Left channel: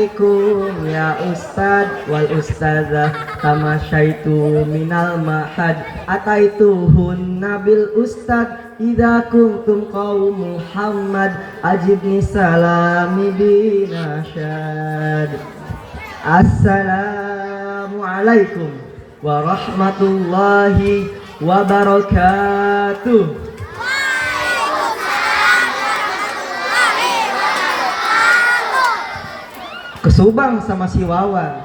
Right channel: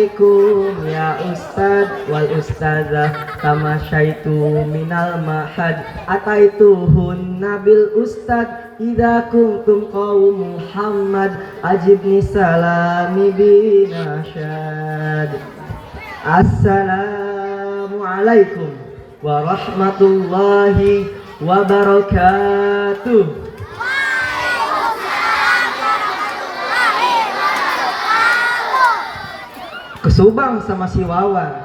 alaikum ya ustad wal ustazah kama syaitu minal mahad ataituhun nabil ustad idza kuntum qaum Muhammad ajibni salami binasyad. Assalamualaikum warahmatullahi wabarakatuh. Kesubang sama si Wawan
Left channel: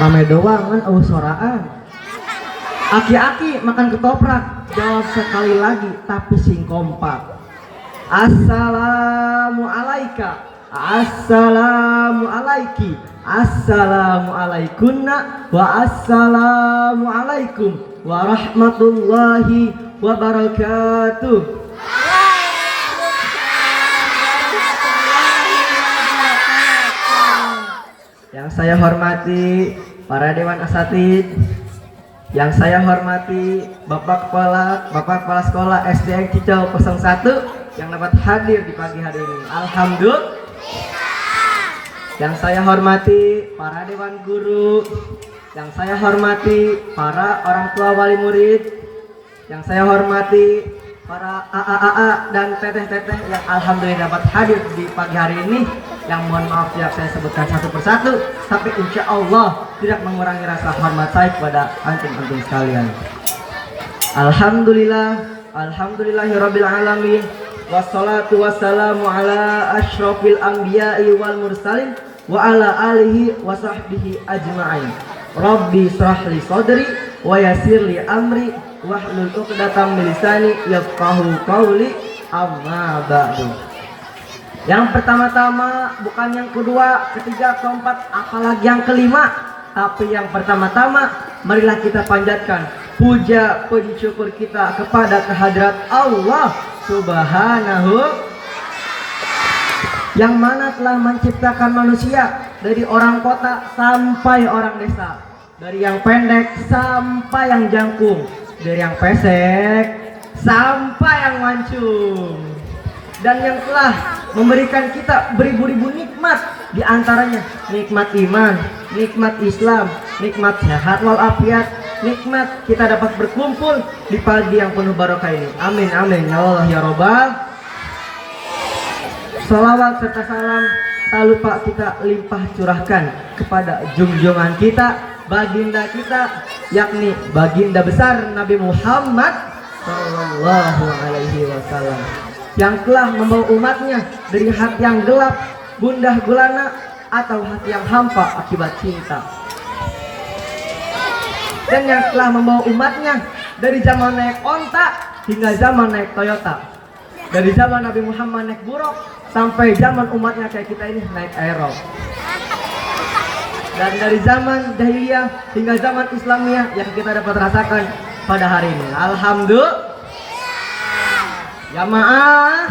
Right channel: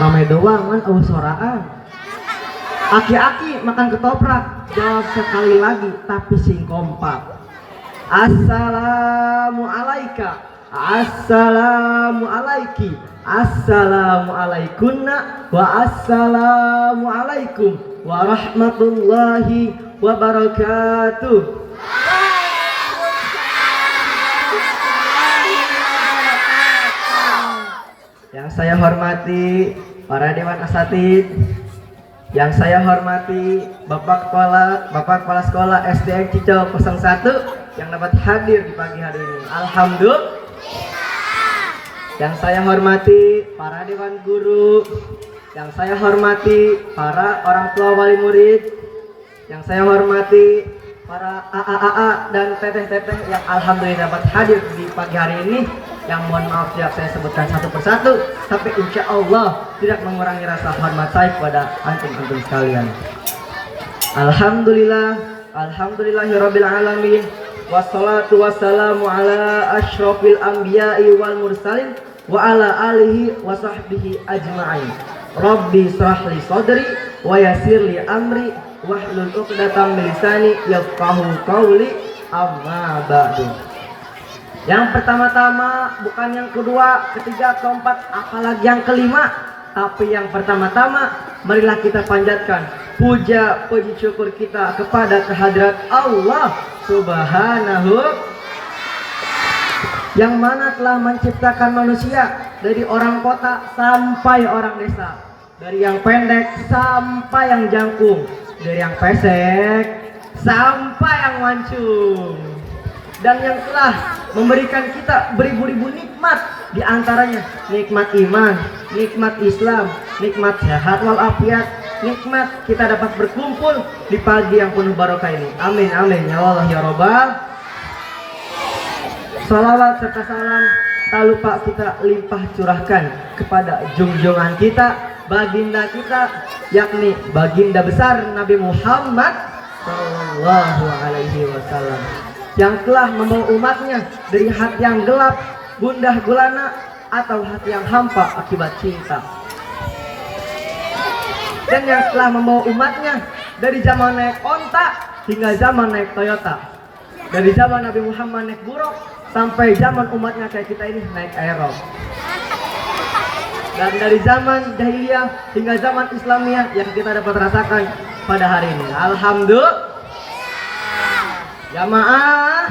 ramai doang kan soraan. Aki-aki makan ketoprak jawab sekali lagi tapi sing kompak. Assalamualaikum, assalamualaiki, assalamualaikunna wa assalamualaikum warahmatullahi wabarakatuh. Yang saya hormati para dewan asatid, yang saya hormati Bapak Kepala Sekolah SDN Cicau 01 yang dapat hadir di pagi hari ini. Alhamdulillah. Yang saya hormati para dewan guru, yang saya hormati para orang tua wali murid, yang saya hormati para AA dan teteh-teteh yang alhamdulillah dapat hadir di pagi hari ini. Yang mohon maaf tiap saya sebutkan satu persatu, tapi insya Allah tidak mengurangi rasa hormat saya kepada antum-antum sekalian. Alhamdulillah, alhamdulillahirabbil alamin, wassalatu wassalamu ala asyrofil anbiya'i wal mursalin wa ala alihi wa sahbihi ajma'in. Rabbi shrahli sadri wa yassirli amri wahlul 'uqdatam min lisani yafqahu qawli, amma ba'du. Yang pertama-tama, bukan yang kedua, ketiga, keempat, apalagi yang kelima, tapi yang pertama-tama marilah kita panjatkan puja puji syukur kita kepada kehadirat Allah Subhanahu yang mana telah menciptakan manusia dari orang kota sampai orang desa, dari yang pendek sampai yang jangkung, dari yang pesek sampai yang mancung, dan yang telah memberikan kita beribu-ribu nikmat, di antaranya nikmat iman, nikmat Islam, nikmat sehat walafiat, nikmat kita dapat berkumpul di pagi yang penuh barokah ini. Amin amin ya Allah ya Rabbal. Salawat serta salam tak lupa kita limpah curahkan kepada junjungan kita, baginda kita, yakni baginda besar Nabi Muhammad sallallahu alaihi wasallam, yang telah membawa umatnya dari hati yang gelap, gundah gulana, atau hati yang hampa akibat cinta, dan yang telah membawa umatnya dari zaman naik onta hingga zaman naik Toyota, dari zaman Nabi Muhammad naik buruk sampai zaman umatnya kayak kita ini naik aero, dan dari zaman jahiliyah hingga zaman Islamiyah yang kita dapat rasakan pada hari ini. Alhamdulillah. Jamaah,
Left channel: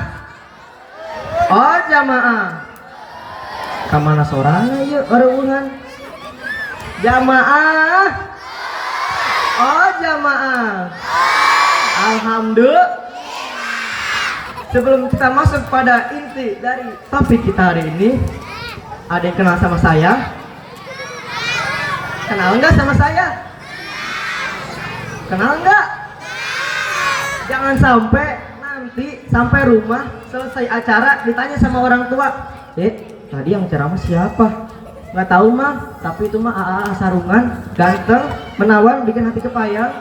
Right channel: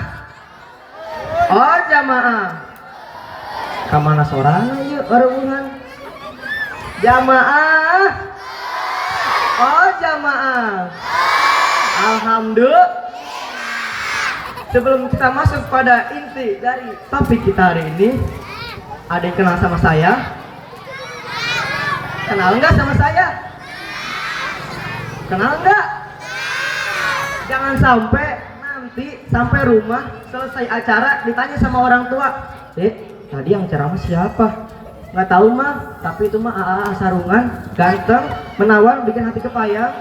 oh jamaah, kamana sorana yuk orang jamaah, oh jamaah. Alhamdulillah. Sebelum kita masuk pada inti dari topik kita hari ini, ada yang kenal sama saya? Kenal nggak sama saya? Kenal nggak? Jangan sampai nanti sampai rumah selesai acara ditanya sama orang tua, tadi yang ceramah siapa? Nggak tahu mah, tapi itu mah AA sarungan, ganteng, menawan, bikin hati kepayang,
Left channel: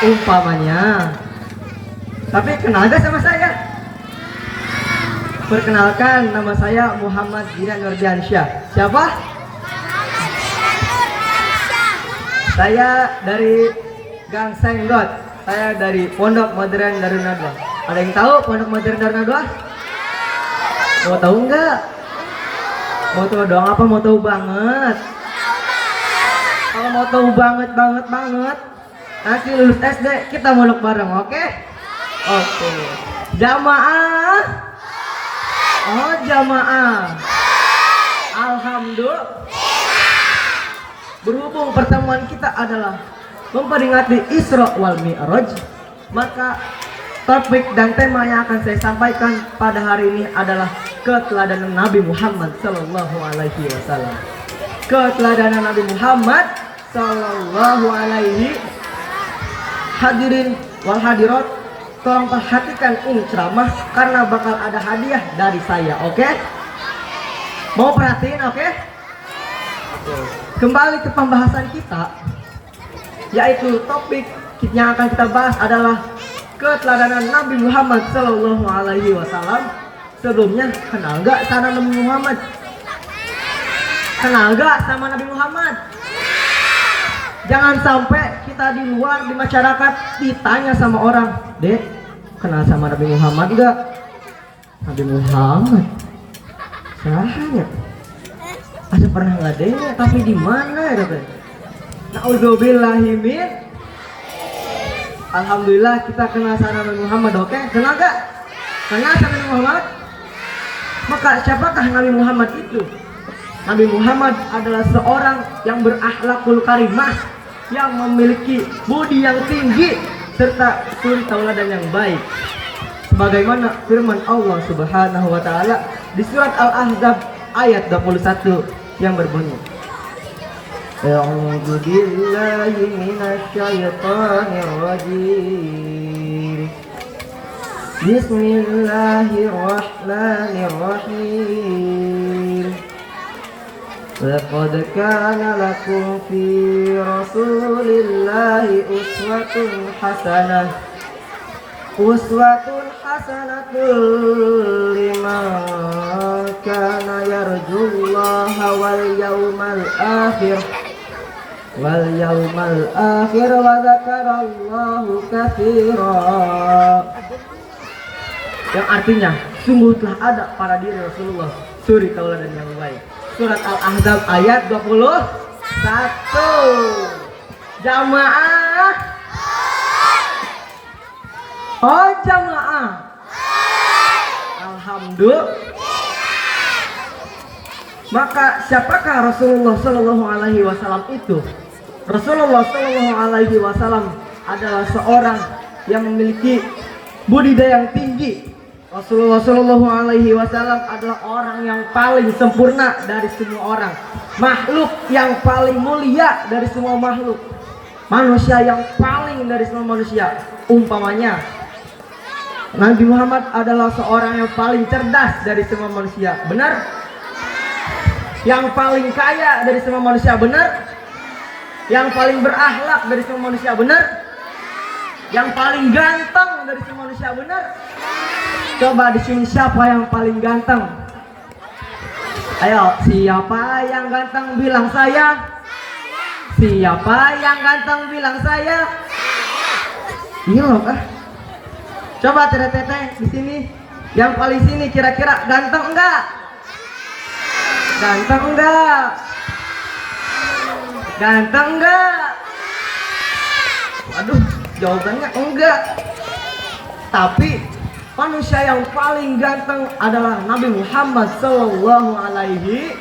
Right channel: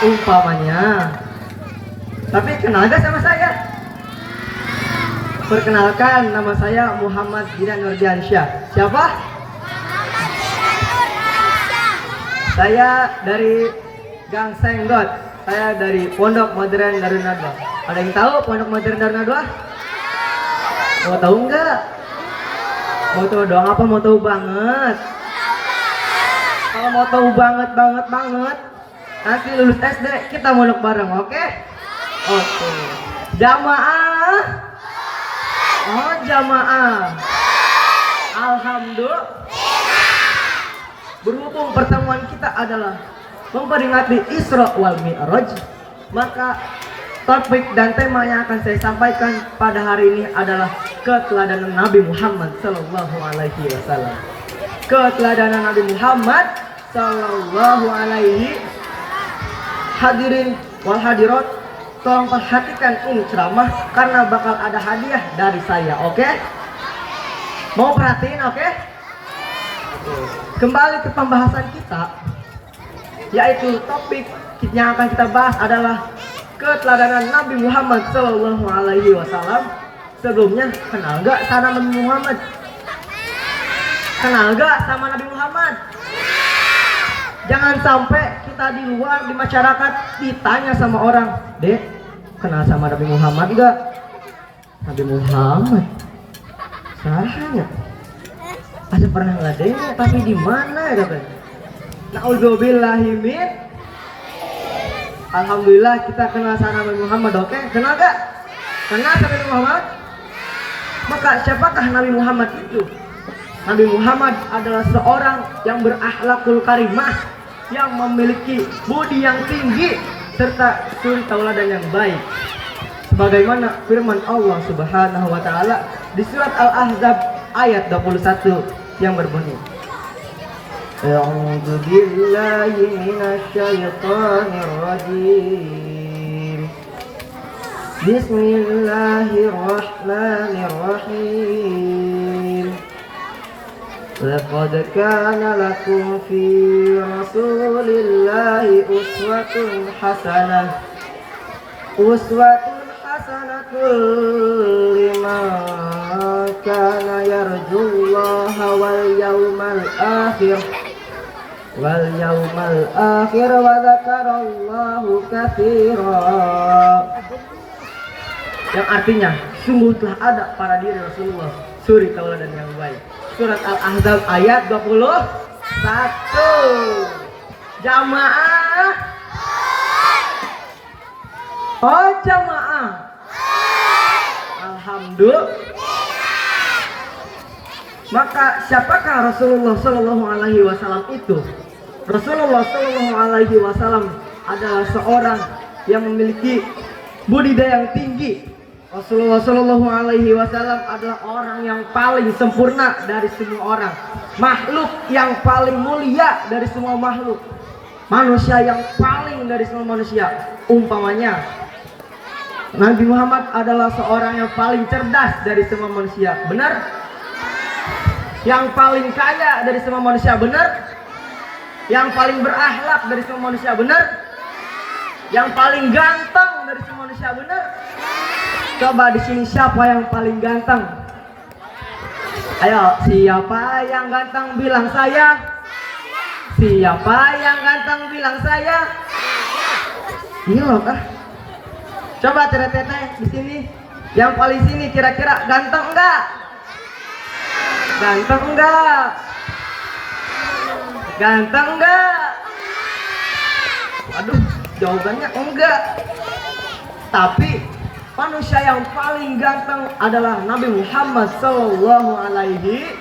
umpamanya. Tapi kenal gak sama saya? Perkenalkan, nama saya Muhammad Jinan Nurdiansyah. Siapa? Saya dari Gang Senggot. Saya dari Pondok Modern Darun Nadwa. Ada yang tahu Pondok Modern Darun Nadwa? Mau tahu nggak? Mau tahu doang apa mau tahu banget? Kalau mau tahu banget, nanti lulus SD kita mondok bareng, oke? Oke. Jamaah. Oh jamaah. Alhamdulillah. Berhubung pertemuan kita adalah memperingati Isra wal Mi'raj, maka Topik dan tema yang akan saya sampaikan pada hari ini adalah keteladanan Nabi Muhammad Sallallahu Alaihi Wasallam. Keteladanan Nabi Muhammad Sallallahu Alaihi. Hadirin wal hadirat, tolong perhatikan ini ceramah karena bakal ada hadiah dari saya, oke? Mau perhatiin, oke? Kembali ke pembahasan kita, yaitu topik yang akan kita bahas adalah keteladanan Nabi Muhammad Sallallahu Alaihi Wasallam. Sebelumnya, kenal gak sama Nabi Muhammad? Kenal gak sama Nabi Muhammad? Jangan sampai kita di luar, di masyarakat ditanya sama orang, Dek, kenal sama Nabi Muhammad gak? Nabi Muhammad? Salah. Ada pernah nggak dengar, tapi di mana ya kan? Na'udzubillahi min. Alhamdulillah kita kenal sama Nabi Muhammad, oke? Kenal gak? Kenal sama Nabi Muhammad? Maka siapakah Nabi Muhammad itu? Nabi Muhammad adalah seorang yang berakhlakul karimah, yang memiliki budi yang tinggi serta suri tauladan yang baik. Sebagaimana firman Allah Subhanahu wa taala di surat Al-Ahzab ayat 21 yang berbunyi, A'udzu billahi minasyaitonir rajim. Bismillahirrahmanirrahim. Laqad kana lakum fi Rasulillahi uswatun hasanah. Uswatun hasanatul liman kana yarjullaha wal yawmal akhir wa dzakarallahu katsiran. Yang artinya sungguh telah ada pada diri Rasulullah suri tauladan yang baik. Surat Al-Ahzab ayat 21. Jamaah. Oh jamaah. Alhamdulillah. Maka siapakah Rasulullah Sallallahu Alaihi Wasallam itu? Rasulullah Sallallahu Alaihi Wasallam adalah seorang yang memiliki budidaya yang tinggi. Rasulullah Sallallahu Alaihi Wasallam adalah orang yang paling sempurna dari semua orang, makhluk yang paling mulia dari semua makhluk, manusia yang paling dari semua manusia. Umpamanya, Nabi Muhammad adalah seorang yang paling cerdas dari semua manusia, benar? Yang paling kaya dari semua manusia, benar? Yang paling berakhlak dari semua manusia, benar? Yang paling ganteng dari semua manusia, benar? Coba di sini siapa yang paling ganteng? Ayo, siapa yang ganteng bilang saya? Siapa yang ganteng bilang saya? Ini loh kah? Coba teteh di sini, yang paling sini kira-kira ganteng enggak? Ganteng enggak? Ganteng enggak? Aduh, jawabannya enggak. Tapi manusia yang paling ganteng adalah Nabi Muhammad Sallallahu Alaihi.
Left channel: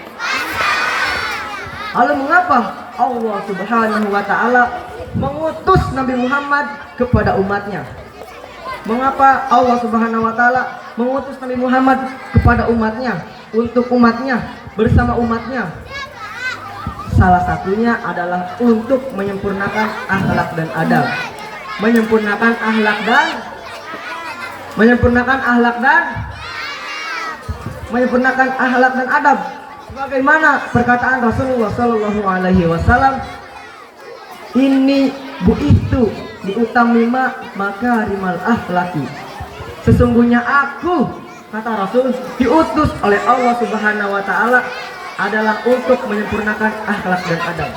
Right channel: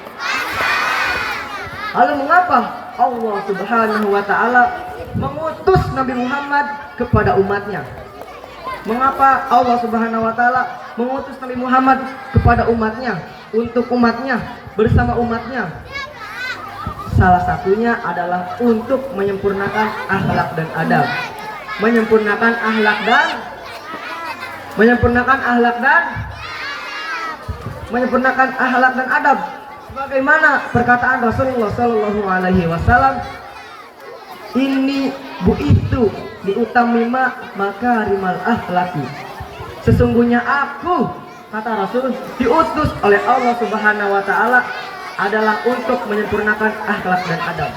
Lalu mengapa Allah Subhanahu wa taala mengutus Nabi Muhammad kepada umatnya? Mengapa Allah Subhanahu wa taala mengutus Nabi Muhammad kepada umatnya, untuk umatnya, bersama umatnya? Salah satunya adalah untuk menyempurnakan akhlak dan adab. Menyempurnakan akhlak dan adab. Bagaimana perkataan Rasulullah Sallallahu Alaihi Wasallam, ini bu'ithu diutamima makarimal akhlaki. Sesungguhnya aku, kata Rasul, diutus oleh Allah Subhanahu Wa Taala adalah untuk menyempurnakan akhlak dan adab.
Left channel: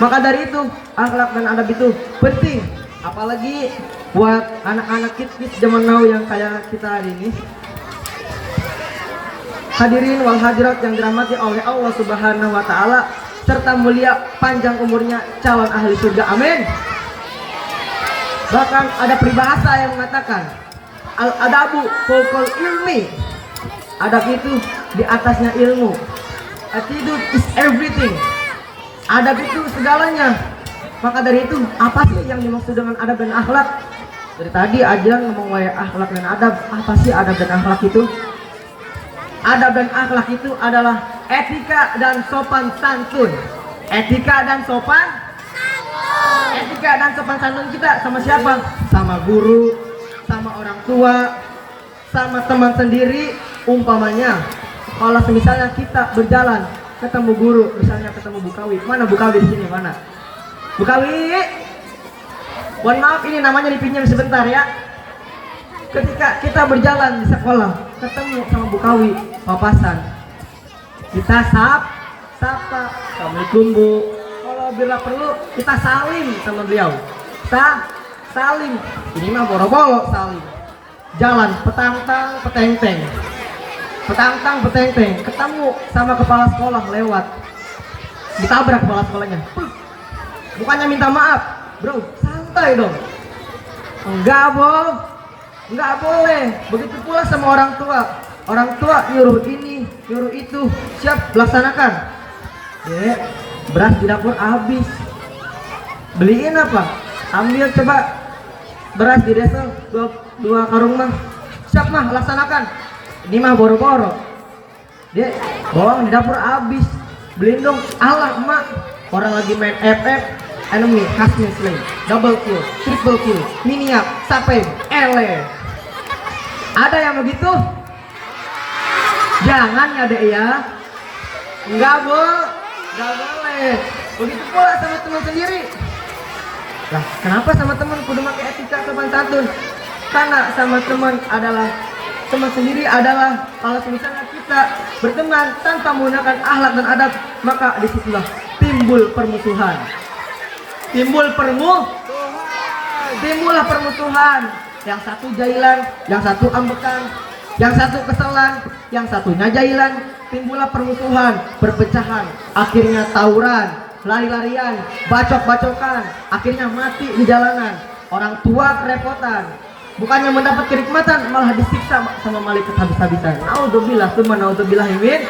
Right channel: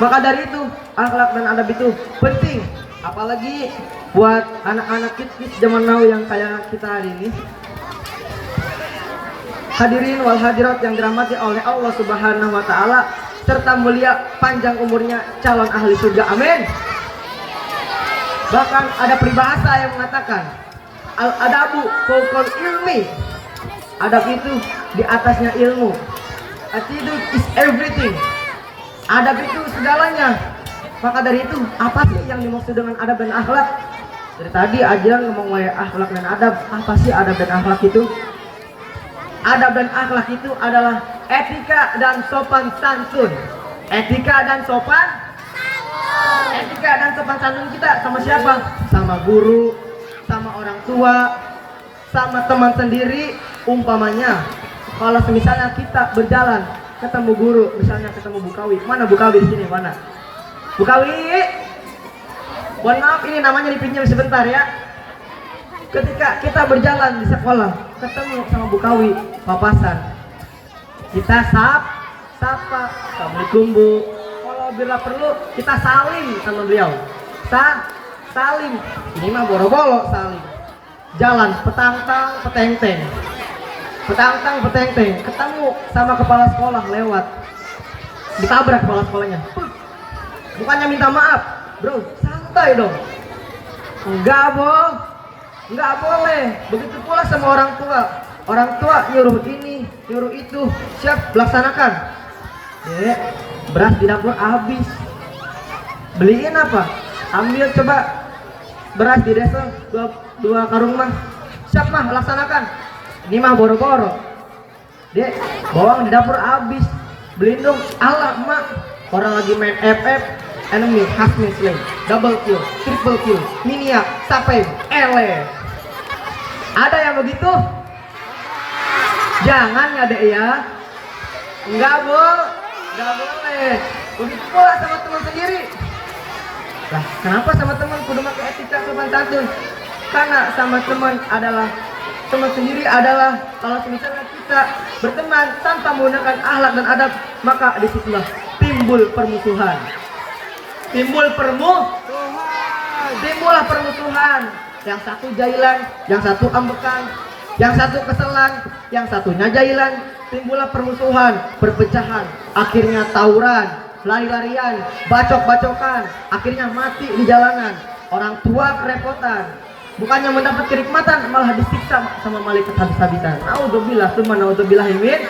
Maka dari itu akhlak dan adab itu penting, apalagi buat anak-anak kids zaman now yang kayak kita hari ini. Hadirin wal hadirat yang dirahmati oleh Allah Subhanahu wa taala serta mulia panjang umurnya calon ahli surga, amin. Bahkan ada peribahasa yang mengatakan al-adabu fawqal ilmi. Adab itu di atasnya ilmu. Attitude is everything. Adab itu segalanya. Maka dari itu, apa sih yang dimaksud dengan adab dan akhlak? Dari tadi aja ngomong wae akhlak dan adab. Apa sih adab dan akhlak itu? Adab dan akhlak itu adalah etika dan sopan santun. Etika dan sopan santun. Etika dan sopan santun kita sama siapa? Sama guru, sama orang tua, sama teman sendiri. Umpamanya kalau misalnya kita berjalan ketemu guru, misalnya ketemu Bu Kawi. Mana Bu Kawi di sini? Mana? Bu Kawi. Mohon maaf, ini namanya dipinjam sebentar ya. Ketika kita berjalan di sekolah, ketemu sama Bu Kawi, papasan, kita sapa, Assalamualaikum Bu. Kalau bila perlu kita salim sama beliau. Salim. Ini mah boro-boro salim. Jalan petantang, petenteng. Ketemu sama kepala sekolah lewat. Ditabrak kepala sekolahnya. Bukannya minta maaf, bro, santai dong. Enggak boleh. Begitu pula sama orang tua. Orang tua nyuruh ini, nyuruh itu, siap laksanakan. Beras di dapur habis. Beliin apa? Ambil coba beras di desa dua karung mah. Siap mah, laksanakan. Ini mah boro-boro. Dia bawang di dapur habis. Beliin dong. Alah mak, orang lagi main FF. Enemy has been slain. Double kill, triple kill, miniak, sampai ele. Ada yang begitu? Jangan ada ya. Enggak boleh. Begitu pula sama teman sendiri. Lah, kenapa sama teman kudu pakai etika sopan santun? Karena sama teman sendiri adalah kalau misalnya kita berteman tanpa menggunakan akhlak dan adab, maka disitulah timbul permusuhan. Timbullah permusuhan. Yang satu jailan, yang satu ambekan, yang satu keselan, yang satunya jailan. Timbullah permusuhan, perpecahan, akhirnya tawuran, lari-larian, bacok-bacokan, akhirnya mati di jalanan. Orang tua kerepotan, bukannya mendapat kenikmatan malah disiksa sama malaikat habis-habisan. Naudzubillah, summa naudzubillah min.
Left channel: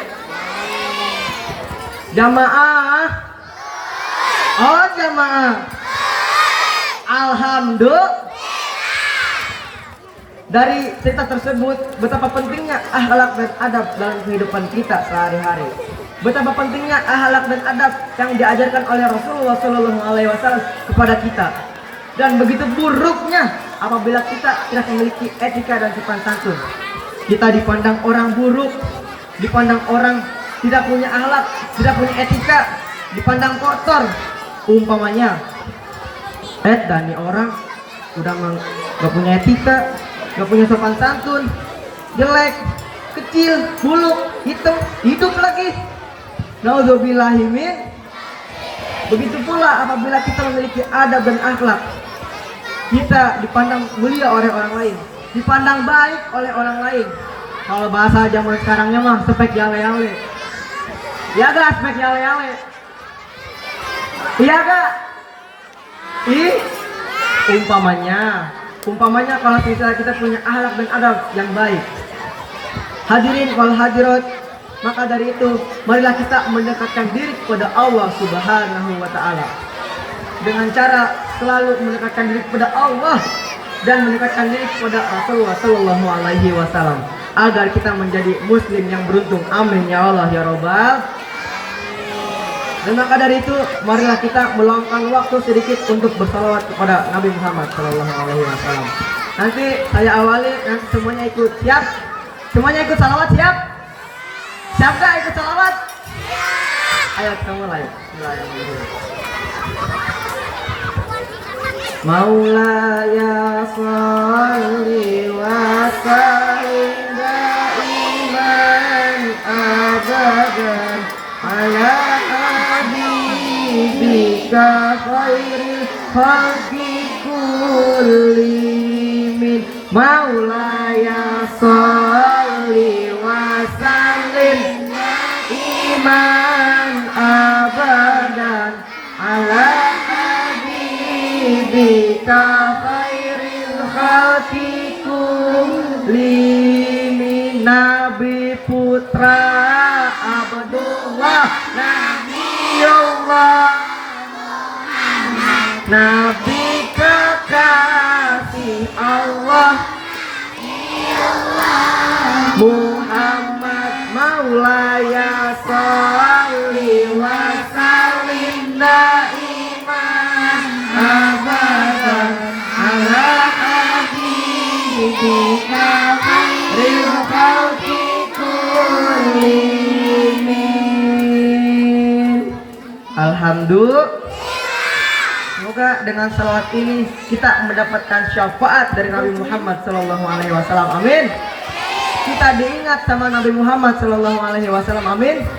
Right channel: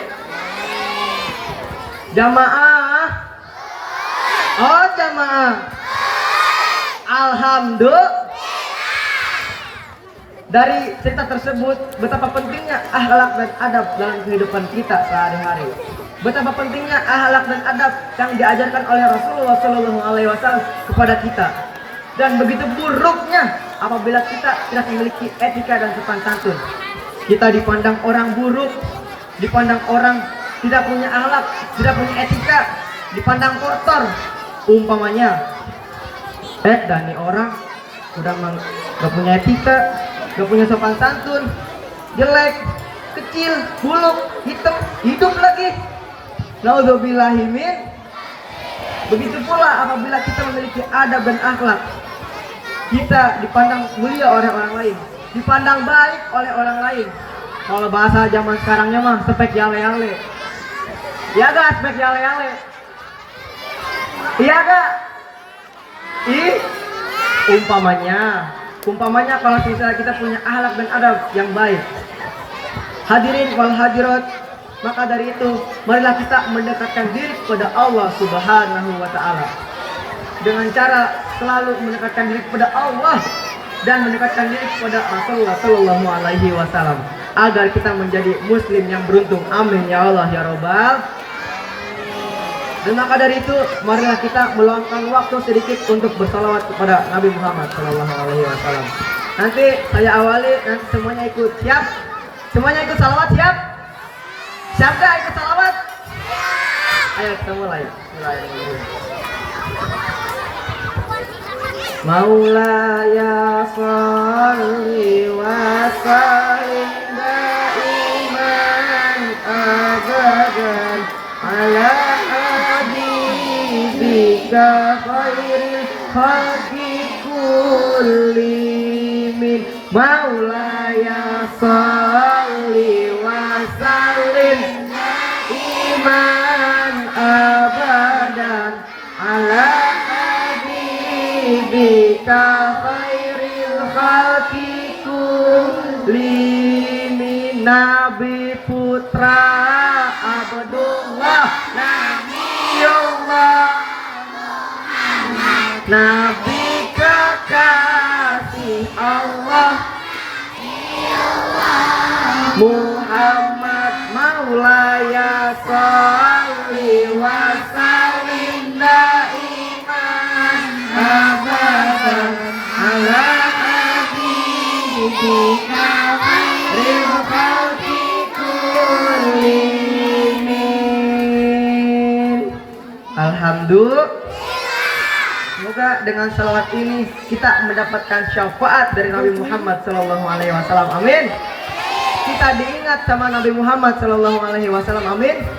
Jamaah. Oh jamaah. Alhamdulillah. Dari cerita tersebut, betapa pentingnya akhlak dan adab dalam kehidupan kita sehari-hari. Betapa pentingnya akhlak dan adab yang diajarkan oleh Rasulullah SAW kepada kita. Dan begitu buruknya apabila kita tidak memiliki etika dan sopan santun. Kita dipandang orang buruk, dipandang orang tidak punya akhlak, tidak punya etika, dipandang kotor. Umpamanya, dan nih orang udah gak punya etika, gak punya sopan santun, jelek, kecil, buluk, hitam, hidup lagi. Naudzubillahimin. Begitu pula apabila kita memiliki adab dan akhlak, kita dipandang mulia oleh orang lain, dipandang baik oleh orang lain. Kalau bahasa zaman sekarangnya mah spek yale-yale. Ya gak spek yale-yale? Iya gak? Umpamanya kalau misalnya kita punya akhlak dan adab yang baik. Hadirin wal hadirat, maka dari itu marilah kita mendekatkan diri kepada Allah Subhanahu wa taala. Dengan cara selalu mendekatkan diri kepada Allah dan mendekatkan diri kepada Rasulullah sallallahu alaihi wasallam agar kita menjadi muslim yang beruntung. Amin ya Allah ya Rabbal. Dan maka dari itu marilah kita meluangkan waktu sedikit untuk bersalawat kepada Nabi Muhammad sallallahu alaihi wasallam. Nanti saya awali, nanti semuanya ikut. Siap? Semuanya ikut salawat, siap? Siap gak ikut salawat? Ayo kita mulai. Maulaya sholli wa sallim daiman abadan ala habibika khairil khalqi kullihim. Maulaya sholli wa sallim daiman abadan ala habibika khairil khalqi kullihim. Nabi putra Abdullah Nabiullah, Nabi kekasih Muhammad maulaya sholli wa sallim daiman abadan ala habibika khairil khalqi kullihim. Alhamdulillah. Semoga dengan salawat ini kita mendapatkan syafaat dari Nabi Muhammad Sallallahu Alaihi Wasallam. Amin. Kita diingat sama Nabi Muhammad Sallallahu Alaihi Wasallam. Amin.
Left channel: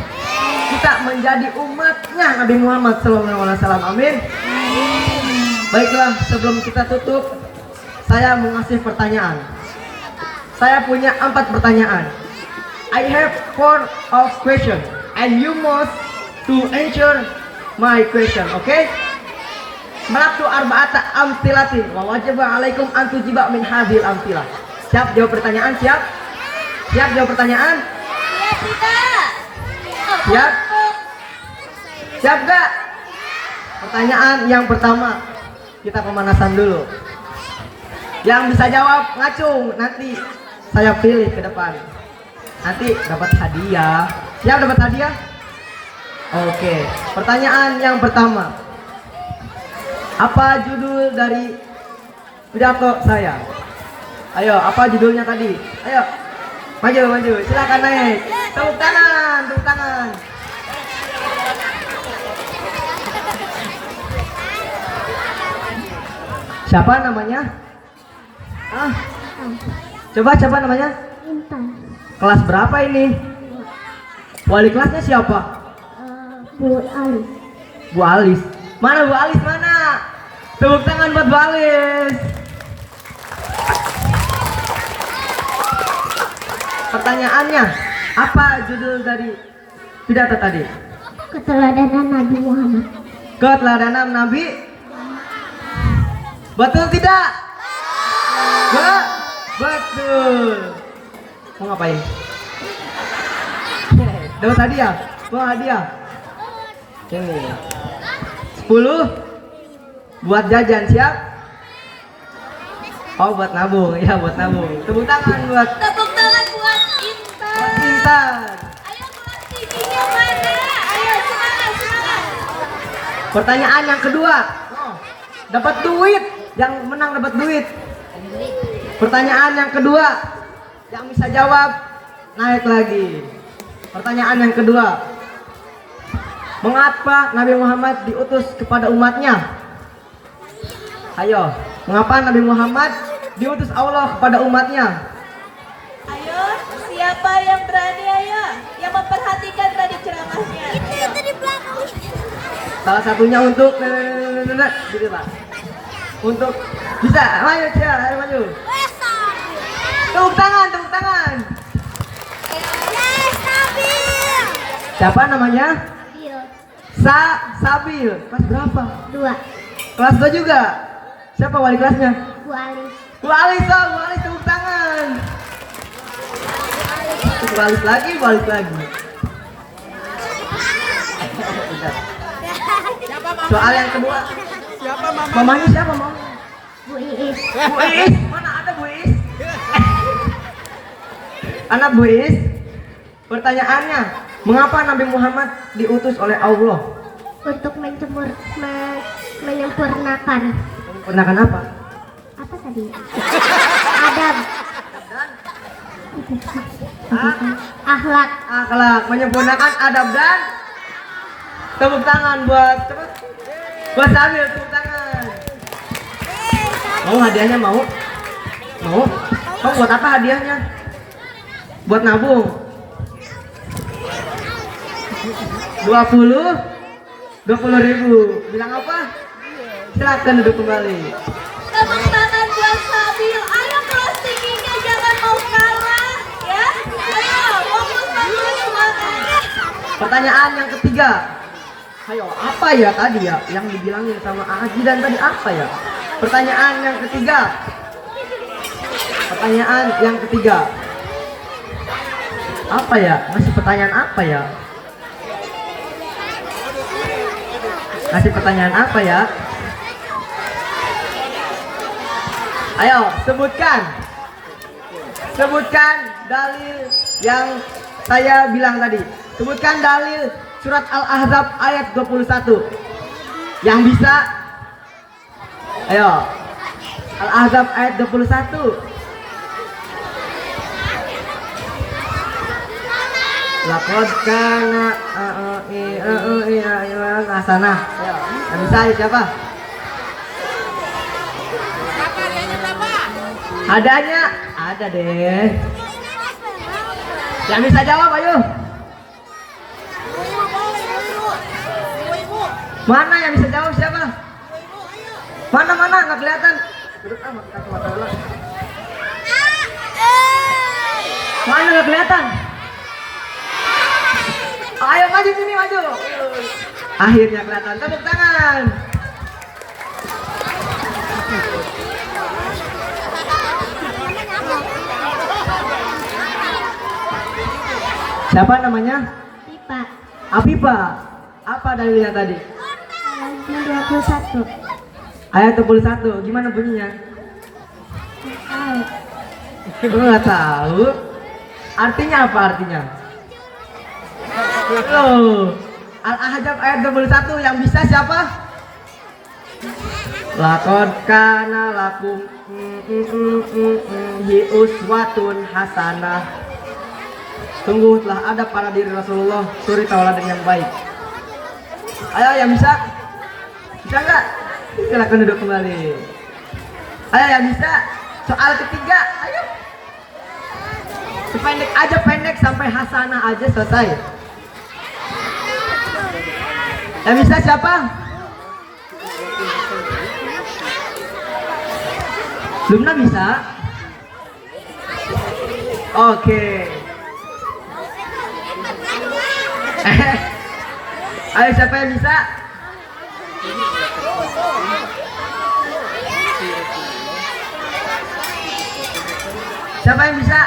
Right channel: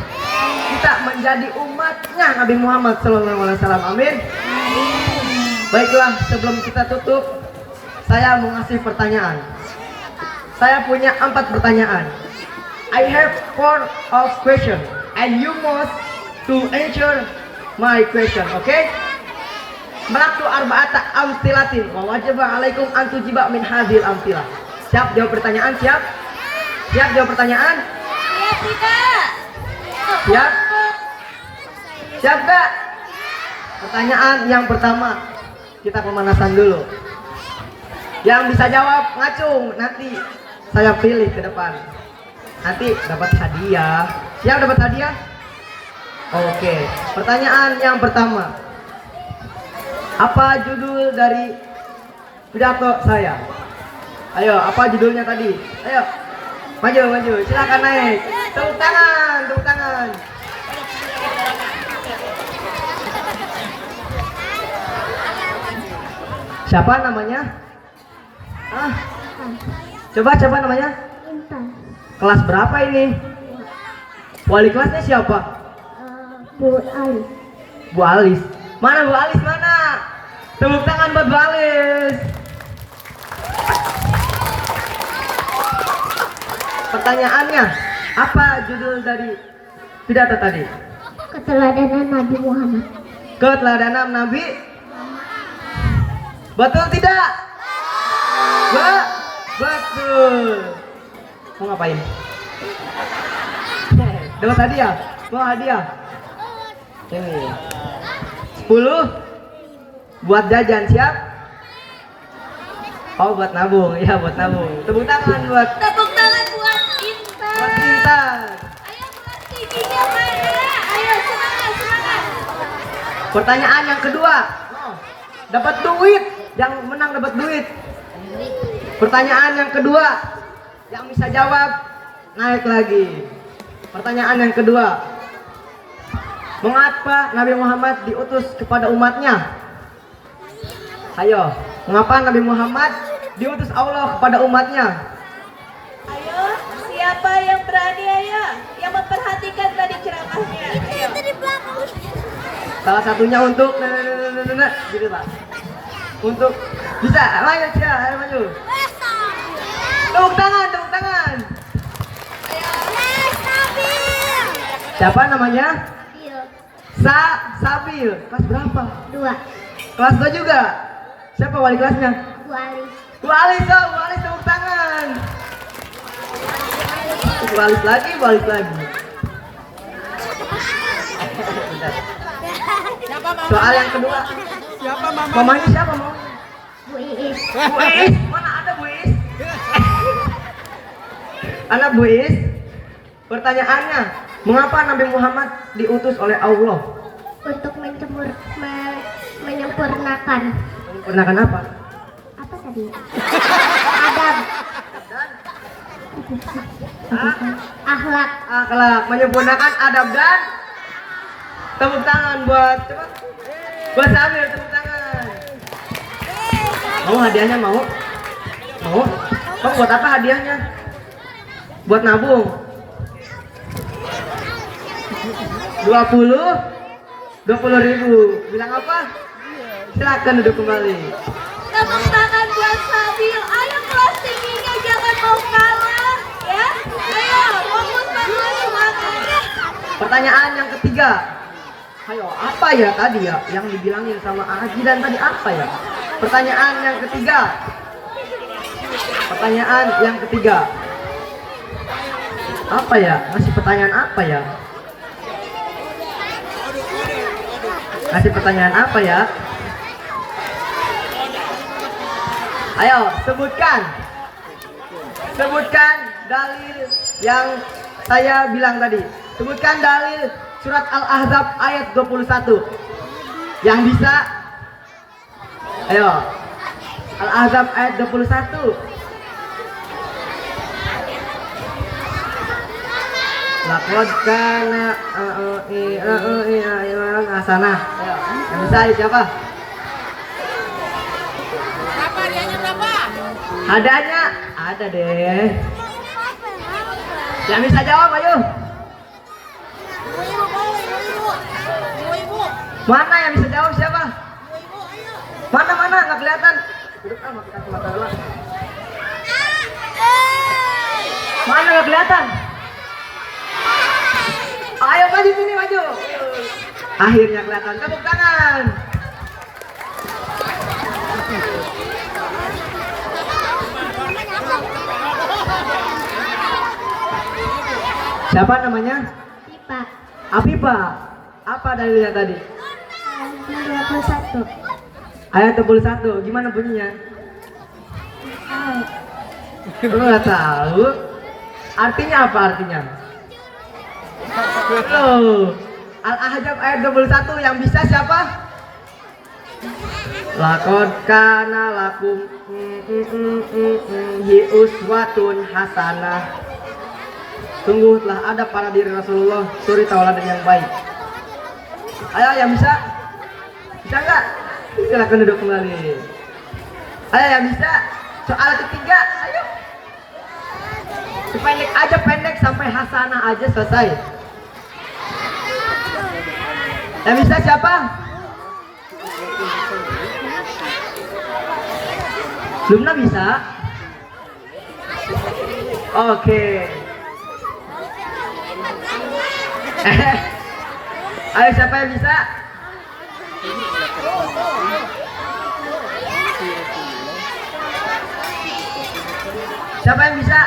Kita menjadi umatnya Nabi Muhammad Sallallahu Alaihi Wasallam. Amin. Baiklah, sebelum kita tutup, saya mau ngasih pertanyaan. Saya punya 4 pertanyaan. I have 4 of question, and you must to answer my question. Okay? Melatu arba'ata amtilatin wa wajaba alaikum an tujiba min hadhil amtilah. Siap jawab pertanyaan? Siap? Siap jawab pertanyaan? Siap? Siap gak? Pertanyaan yang pertama, kita pemanasan dulu. Yang bisa jawab ngacung, nanti saya pilih ke depan. Nanti dapat hadiah. Siap dapat hadiah? Oke. Pertanyaan yang pertama, apa judul dari pidato saya? Ayo, apa judulnya tadi? Ayo, maju, silakan naik. Tepuk tangan, tepuk tangan. Siapa namanya? Coba siapa namanya? Intan. Kelas berapa ini? Wali kelasnya siapa? Bu Alis. Bu Alis. Mana Bu Alis mana? Tepuk tangan buat Bu Alis. Pertanyaannya, apa judul dari pidato tadi? Keteladanan Nabi Muhammad. Keteladanan Nabi. Betul tidak? Betul. Mau ngapain? Dapat hadiah? Wah, hadiah. Ini 10 buat jajan, siap? Oh, buat nabung. Ya, buat nabung. Tepuk tangan buat Intan. buat Intan. Ayo teman giginya mana? Ayo semangat. Pertanyaan yang kedua. Dapat duit. Yang menang dapat duit. Pertanyaan yang kedua. Yang bisa jawab naik lagi. Pertanyaan yang kedua. Mengapa Nabi Muhammad diutus kepada umatnya? Ayo, mengapa Nabi Muhammad diutus Allah kepada umatnya? Ayo, siapa yang berani ayo yang memperhatikan tadi ceramahnya? Itu di belakang. Salah satunya untuk gitu Pak. Untuk bisa, ayo Cia, ayo maju. Tepuk tangan, tepuk tangan. Yes, stabil. Siapa namanya? Iya. Sabil. Kelas berapa? 2. Kelas 2 juga. Siapa wali kelasnya? Bu Alis. Bu Alis, oh, Bu Alis tepuk tangan. Bu Alis lagi, Bu Alis lagi. Soal yang kedua. Siapa mama? Mamanya siapa mau? Bu Iis. Bu Iis. Mana ada Bu Iis? Anak Bu Iis. Pertanyaannya, mengapa Nabi Muhammad diutus oleh Allah? Untuk menyempurnakan. Menyempurnakan apa? Apa tadi? Adab. Akhlak. Akhlak, menyempurnakan adab dan tepuk tangan buat coba. Buat Samir, tepuk tangan. Mau hadiahnya mau? Mau? Mau buat apa hadiahnya? Buat nabung. 20.000. Bilang apa? Silakan duduk kembali. Tepuk tangan buat Sabil. Ayo kelas tingginya jangan mau kalah, ya. Ayo, fokus banget. Pertanyaan yang ketiga. Ayo, apa ya tadi ya yang dibilangin sama Aji dan tadi apa ya? Pertanyaan yang ketiga. Pertanyaan yang ketiga. Apa ya? Masih pertanyaan apa ya? Kasih pertanyaan apa ya? Ayo, sebutkan. Sebutkan dalil yang saya bilang tadi. Sebutkan dalil surat Al-Ahzab ayat 21. Yang bisa? Ayo. Al-Ahzab ayat 21. Laqad kana hasanah. Bisa siapa? Adanya? Ada deh. Yang bisa jawab ayo. Mana yang bisa jawab siapa? Mana nggak kelihatan. Mana nggak kelihatan? Ayo maju sini maju. Akhirnya kelihatan. Tepuk tangan. Siapa namanya? Pipa. Afifa. Apa dalilnya tadi? Ayat 21. Ayat 21. Gimana bunyinya? Lu nggak tahu? Artinya apa artinya? Loh, Al-Ahzab ayat 21 yang bisa siapa? Laqad kana lakum uswatun hasanah. Sungguh telah ada pada diri Rasulullah suri tauladan yang baik. Ayo yang bisa? Bisa nggak? Silakan duduk kembali. Ayo yang bisa? Soal ketiga, ayo. Pendek aja, pendek sampai hasanah aja selesai. Yang bisa siapa? Lumna bisa? Oke. Ayo siapa yang bisa? Siapa yang bisa?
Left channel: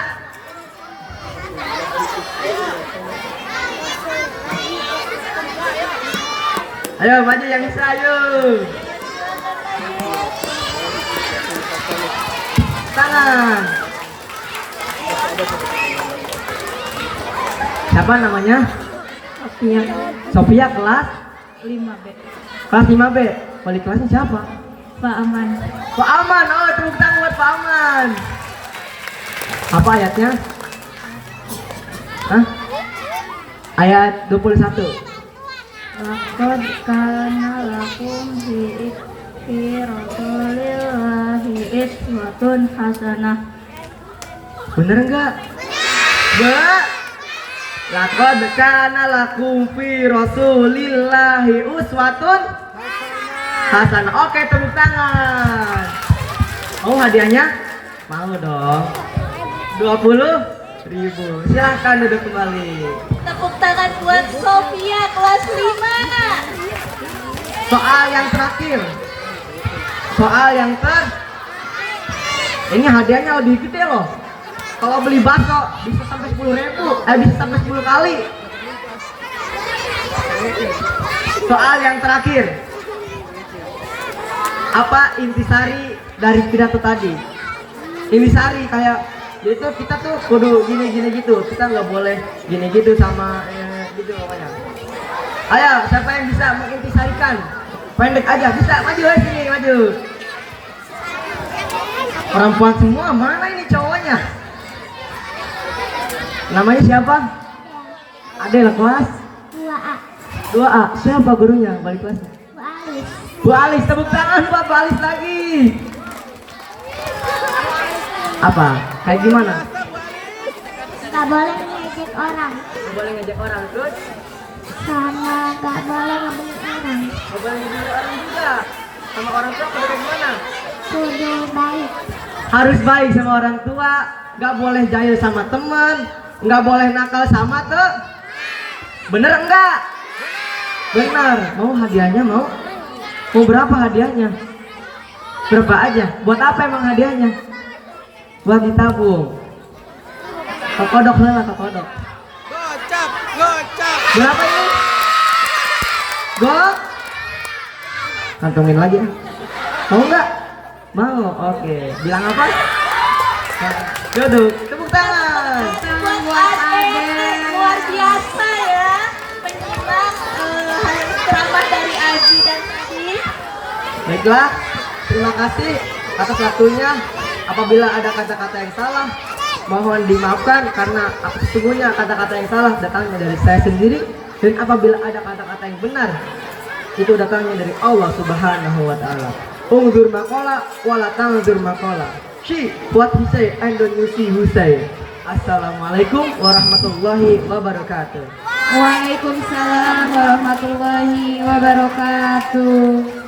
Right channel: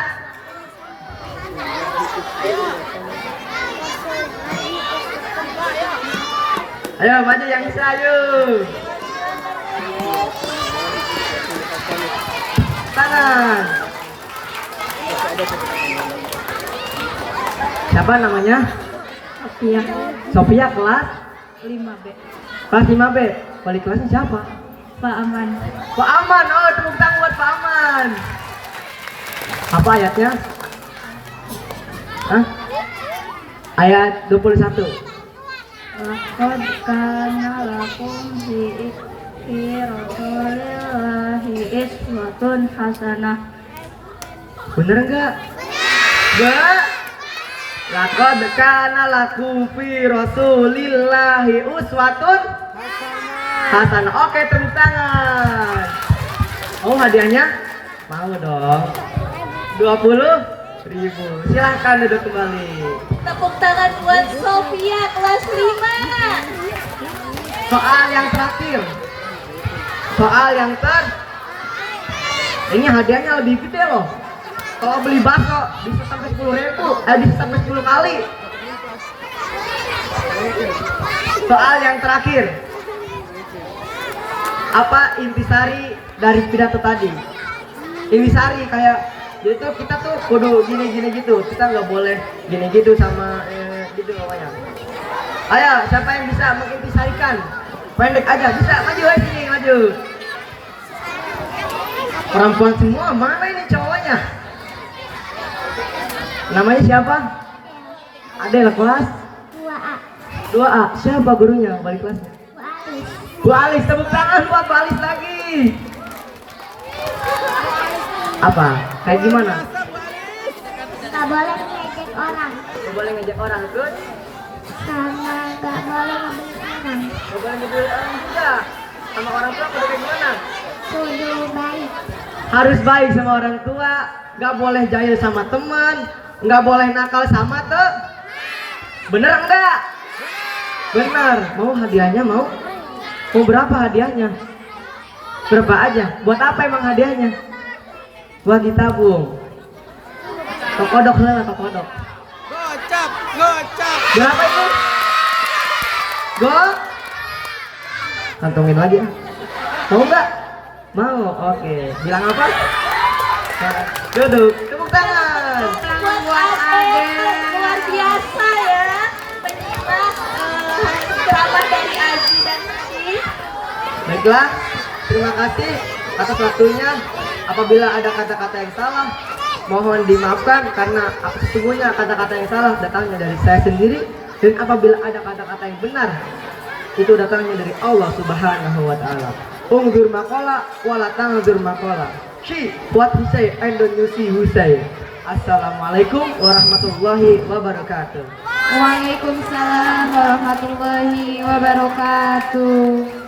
Ayo maju yang bisa ayo. Tangan. Siapa namanya? Sofia. Sofia kelas 5B. kelas 5B. Wali kelasnya siapa? Pak Aman. Pak Aman. Oh, tepuk tangan buat Pak Aman. Apa ayatnya? Hah? Ayat 21. Laqad kana lakum fi rasulillahi uswatun hasanah. Bener enggak? Enggak. Laqad kana lakum fi rasulillahi uswatun hasanah. Oke, tepuk tangan. Oh, hadiahnya? Mau dong. 20.000. Silakan duduk kembali. Tepuk tangan buat Sofia kelas 5. Soal yang terakhir. Soal yang ini hadiahnya lebih gede loh. Kalau beli bakso bisa sampai 10.000, bisa sampai 10 kali. Soal yang terakhir. Apa intisari dari pidato tadi? Intisari kayak itu kita tuh kudu gini gitu. Kita nggak boleh gini gitu sama gitu pokoknya. Ayo, siapa yang bisa mengintisarikan? Pendek aja, bisa maju lagi nih, maju. Perempuan semua, mana ini cowoknya? Namanya siapa? Ada yang kelas 2A. 2A. Siapa gurunya? Balik kelas. Bu Alis. Bu Alis, tepuk tangan buat Bu Alis lagi. Apa? Kayak gimana? Tak boleh ngejek orang. Gak boleh ngejek orang, terus? Sama tak boleh ngebeli orang. Gak boleh ngejek orang juga. Sama orang tua pada gimana? Kudu baik. Harus baik sama orang tua. Gak boleh jahil sama teman. Gak boleh nakal sama tuh. Bener enggak? Bener. Mau hadiahnya mau? Mau berapa hadiahnya? Berapa aja? Buat apa emang hadiahnya? Buat ditabung. Kekodok lah, kekodok. Gocap. Berapa ini? Go? Kantongin lagi. Mau nggak? Mau. Oke. Bilang apa? Nah, duduk. Tepuk tangan. buat Ade luar biasa ya menyimak ceramah dari Abi dan Siti. Baiklah, terima kasih atas waktunya. Apabila ada kata-kata yang salah, mohon dimaafkan karena sesungguhnya kata-kata yang salah datangnya dari saya sendiri, dan apabila ada kata-kata yang benar itu datangnya dari Allah Subhanahu wa taala. Ungzur maqala wala tangzur maqala. She what he say and don't you see who say. Assalamualaikum warahmatullahi wabarakatuh. Waalaikumsalam warahmatullahi wabarakatuh.